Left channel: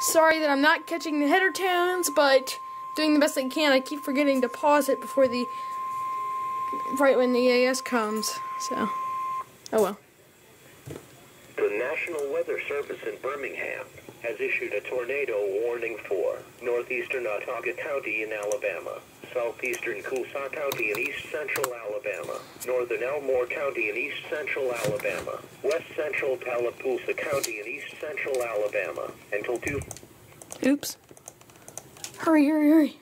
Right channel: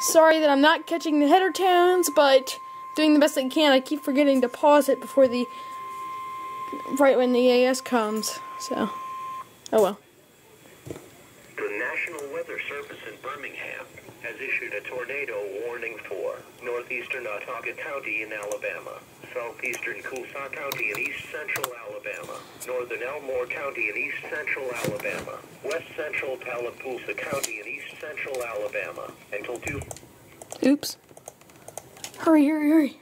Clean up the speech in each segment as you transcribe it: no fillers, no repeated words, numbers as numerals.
Sorry that I'm not catching the header tones, but doing the best I can. I keep forgetting to pause it before right when the EAS comes. So, oh well. The National Weather Service in Birmingham has issued a tornado warning for northeastern Autauga County in Alabama, southeastern Coosa County in east central Alabama, northern Elmore County in east central Alabama, west central Tallapoosa County in east central Alabama, until 2. Oops. Hurry, hurry, hurry.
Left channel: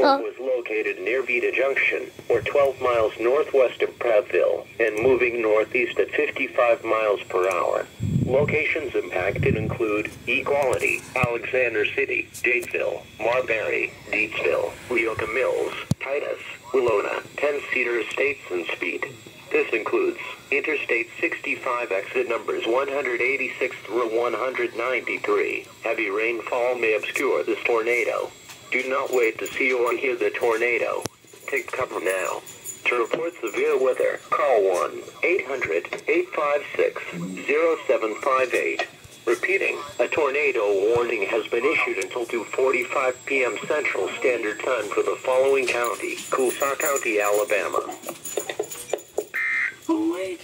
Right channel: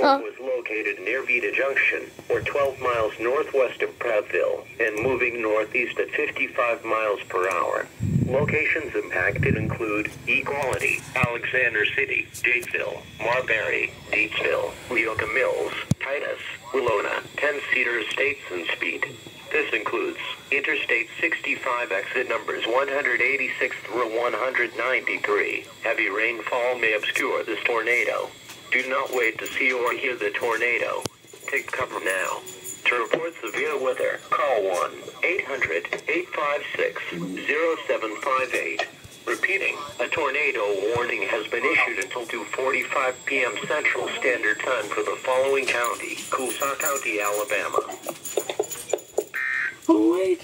Was located near Vita Junction, or 12 miles northwest of Prattville, and moving northeast at 55 miles per hour. Locations impacted include Equality, Alexander City, Dayville, Marbury, Deepsville, Leoka Mills, Titus, Willona, 10 Cedar Estates and Speed. This includes Interstate 65 exit numbers 186 through 193. Heavy rainfall may obscure this tornado. Do not wait to see or hear the tornado. Take cover now. To report severe weather, call 1-800-856-0758. Repeating, a tornado warning has been issued until 2:45 p.m. Central Standard Time for the following county: Coosa County, Alabama. Oh, wait.